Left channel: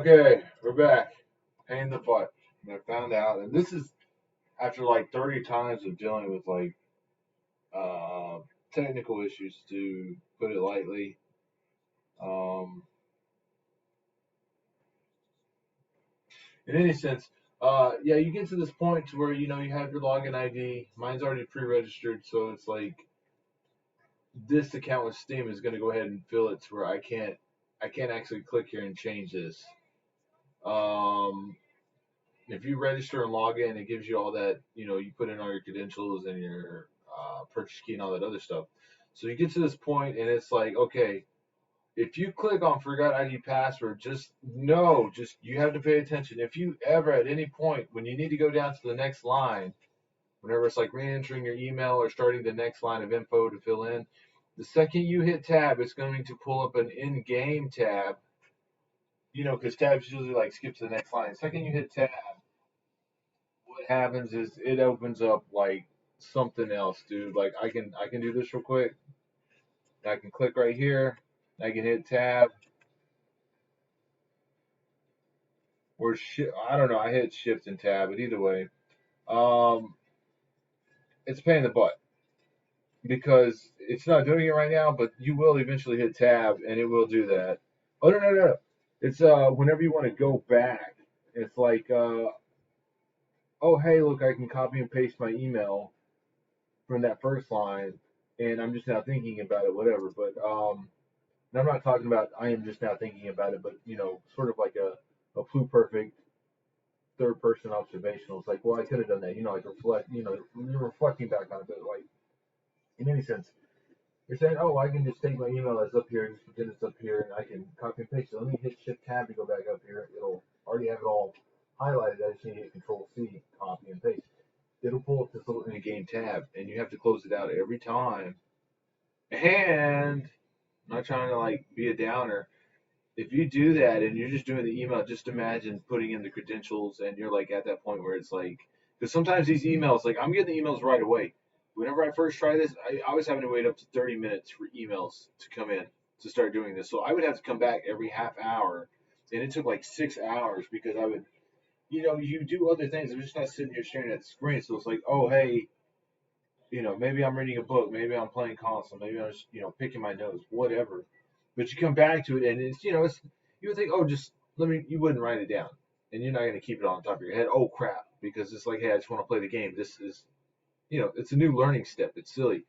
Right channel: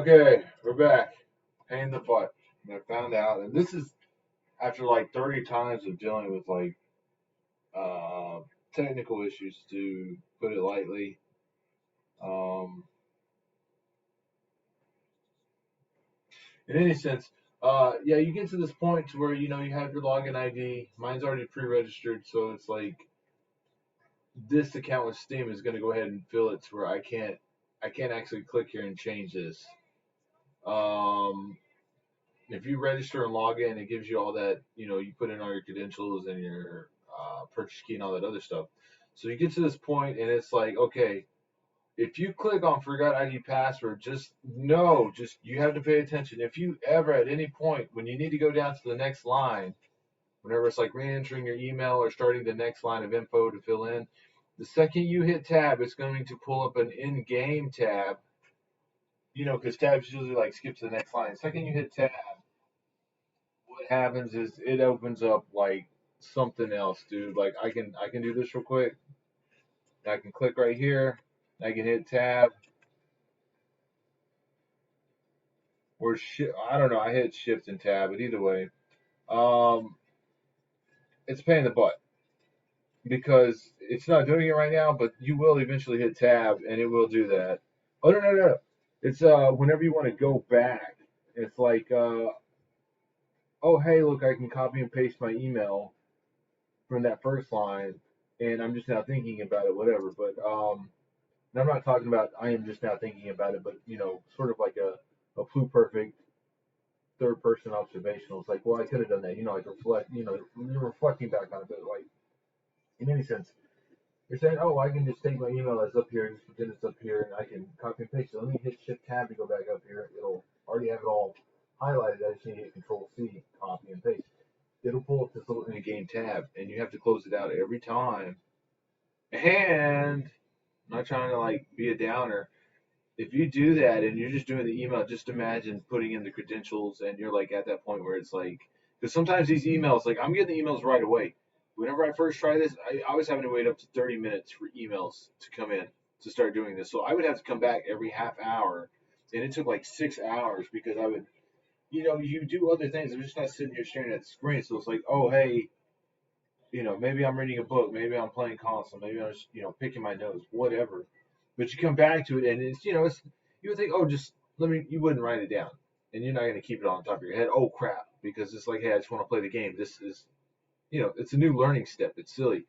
Okay, we're back. Pain in the butt. And I found out, and this is after like 30 times of dealing with like uh, technical issues, to put it lightly. Um, in any sense, yeah, you get to this point to where you have your login ID. Mine's already pre-registered, so it's like this account with Steam is going to go ahead and fill it to where I can't actually click here and change this. Um, if you register and log in, it gives you all that, you put in all your credentials and your purchase key and all that other stuff. So you get to this point and it's like, okay, if you click on forgot ID password, just know, just you have to pay attention. If you ever at any point when you need to go down to the next line, whenever it's like re-entering your email or starting the next line of info to fill in, the second you hit tab, it's going to pull up an in-game tab, because tabs usually like skips to the next line. The second you hit tab, what happens is it opens up like something else, dude. Like I can do this real quick. I can click right here. I can hit tab or I don't know. I hit shift and tab, but either way, um, it's a pain in the butt because it's not doing it right now. But you will eventually hit tab, and it will do that. Oh no no no! No. It's whenever you want to go back, it's like oh hey look, I can copy and paste my email from that first line, and I'm just now thinking about it, whatever. But and I'm not talking about I am just now thinking about it, but sort of like a pluperfect third person observational. It's like, well, I could have done that, like reflect, you're reflecting back on it, but like in any sense, you're saying, oh, I can just take my email that's up here, just pretend it's up here, and I can copy and paste it. Let me hit Shift Tab to go back up here. It'll already have it all highlighted. I just need to hit Control C, copy and paste. It'll pull up this little in the game tab, and you have to close it out every time. And I'm not trying to like be a downer. If you do that and you're just doing the email, just imagine putting in the credentials and you're like at that point where it's like, because sometimes these emails, like I'm getting the emails right away. Whenever I first tried this, I was having to wait up to 30 minutes for emails to come in to start doing this. So I would have to come back every half hour, and it took like 6 hours because I would, you do other things. I'm just not sitting here staring at the screen. So it's like, oh hey, maybe I'm reading a book, maybe I'm playing console, maybe I'm just, picking my nose, whatever. But you come back to it and it's you would think, oh, just you wouldn't write it down. And you're not going to keep it on top of your head. Oh, crap. Because it's like, hey, I just want to play the game. This is, it's a new learning step. It's silly.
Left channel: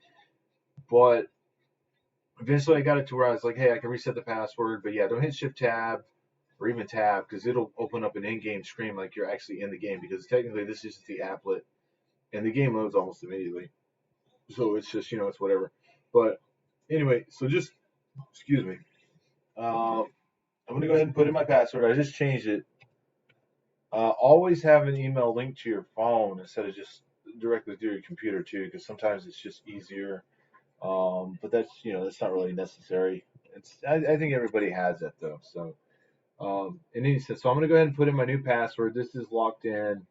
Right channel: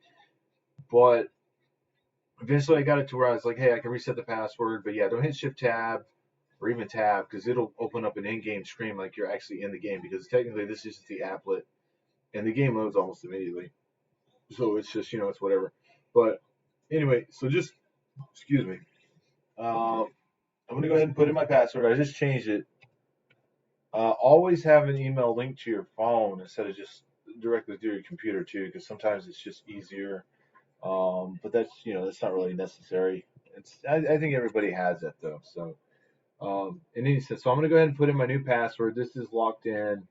But eventually I got it to where I was like, hey, I can reset the password. But yeah, don't hit shift tab or even tab because it'll open up an in game screen like you're actually in the game because technically this is the applet and the game loads almost immediately. So it's just, it's whatever. But anyway, so just, excuse me. I'm going to go ahead and put in my password. I just changed it. Always have an email linked to your phone instead of just directly through your computer too, because sometimes it's just easier. But that's not really necessary. I think everybody has that though. So in any sense, so I'm going to go ahead and put in my new password. This is locked in.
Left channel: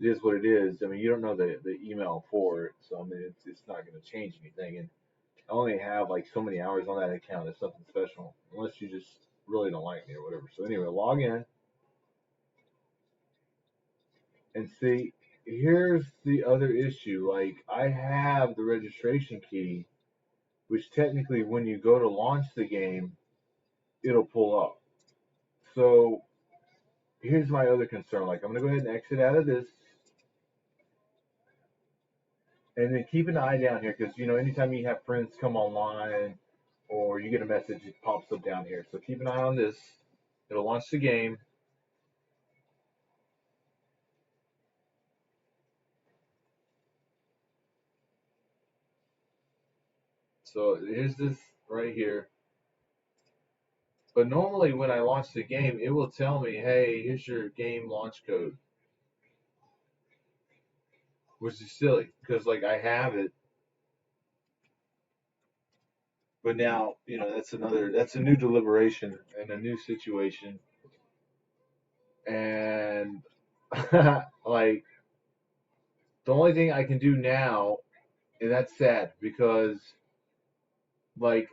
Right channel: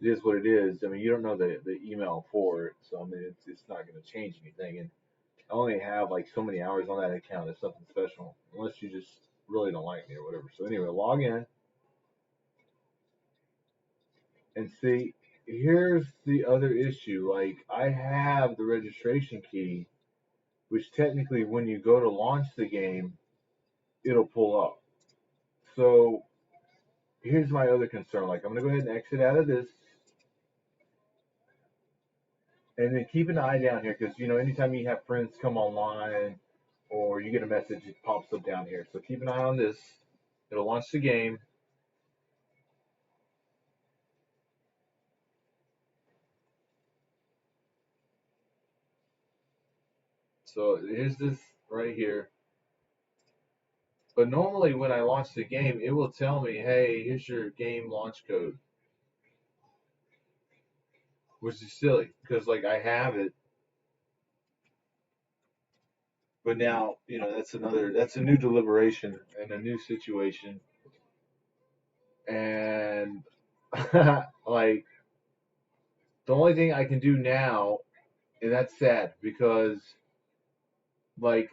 It is what it is. I mean, you don't know the email for it, so I mean, it's not going to change anything. And I only have like so many hours on that account. It's nothing special, unless you just really don't like me or whatever. So anyway, log in and see. Here's the other issue. Like I have the registration key, which technically, when you go to launch the game, it'll pull up. So here's my other concern. Like I'm gonna go ahead and exit out of this, and then keep an eye down here because anytime you have friends come online or you get a message, it pops up down here. So keep an eye on this. It'll launch the game. So here's this right here. But normally when I launch the game, it will tell me, hey, here's your game launch code, which is silly because like I have it, but now that's a new deliberation and a new situation, and like the only thing I can do now, and that's sad because like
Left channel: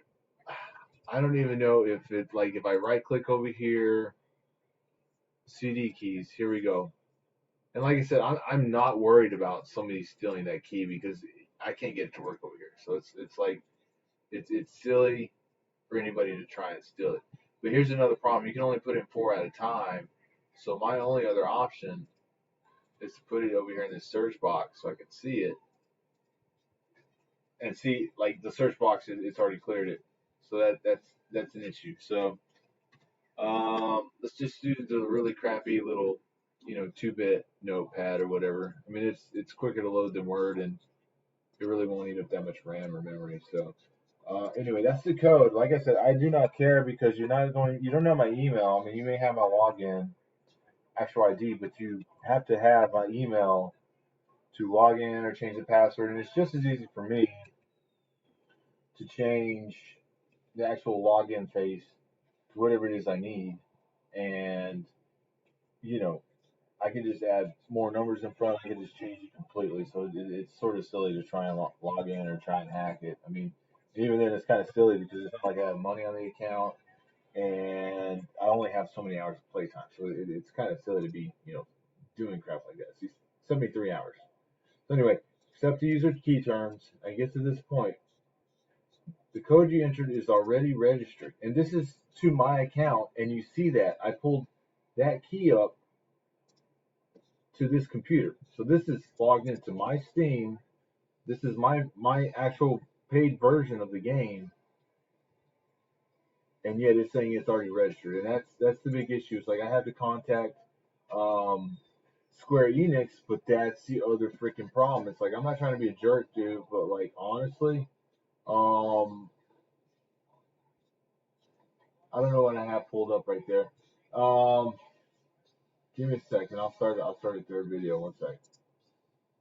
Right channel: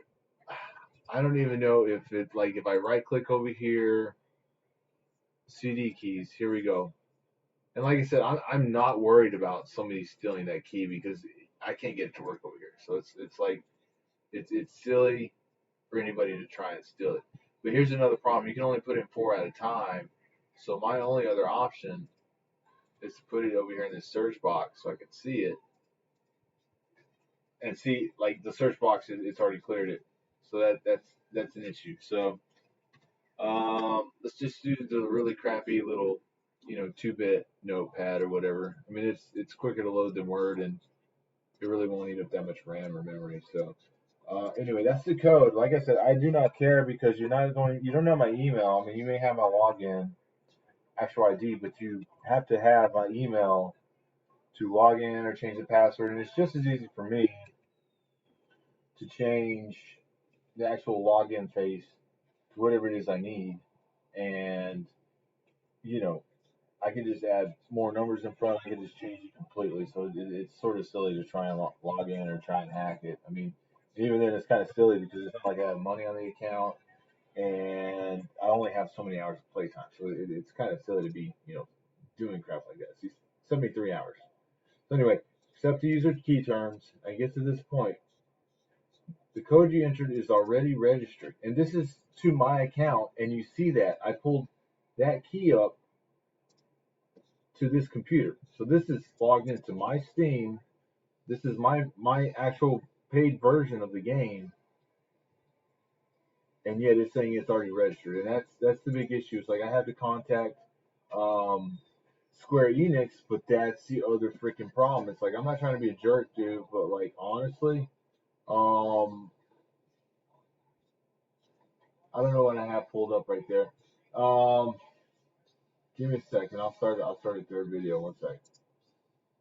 I don't even know if it's like if I right click over here CD keys. Here we go. And like I said, I'm not worried about somebody stealing that key because I can't get it to work over here. So it's like it's silly for anybody to try and steal it. But here's another problem: you can only put in 4 at a time. So my only other option is to put it over here in this search box so I can see it and see like the search box it's already cleared it. So that's an issue. So let's just use the really crappy little 2-bit notepad or whatever. I mean it's quicker to load than Word and it really won't eat up that much RAM or memory. So anyway, that's the code. Like I said, I do not care because you don't know my email. I mean, you may have my login, actual ID, but you have to have my email to log in or change the password. And it's just as easy for me to change the actual login face to whatever it is I need. And, you know, I can just add more numbers in front. I can just change it completely. So it's sort of silly to try and log in or try and hack it. I mean, even then, it's kind of silly because it's not like I have money on the account and I only have so many hours of playtime. So it's kind of silly to be, doing crap like that. See, 73 hours. So anyway, accept the user key terms. I get to this point. The code you entered is already registered. And this is to my account. And you see that I pulled that key up to this computer. So this is logged into my Steam. This is my actual paid version of the game, and yet it's saying it's already registered, and that's the big issue. It's like I have to contact um, Square Enix, but that's the other freaking problem. It's like I'm not trying to be a jerk, dude, but like honestly, um, I don't know what I have pulled up right there. Um, Give me a second. I'll start a third video. One sec.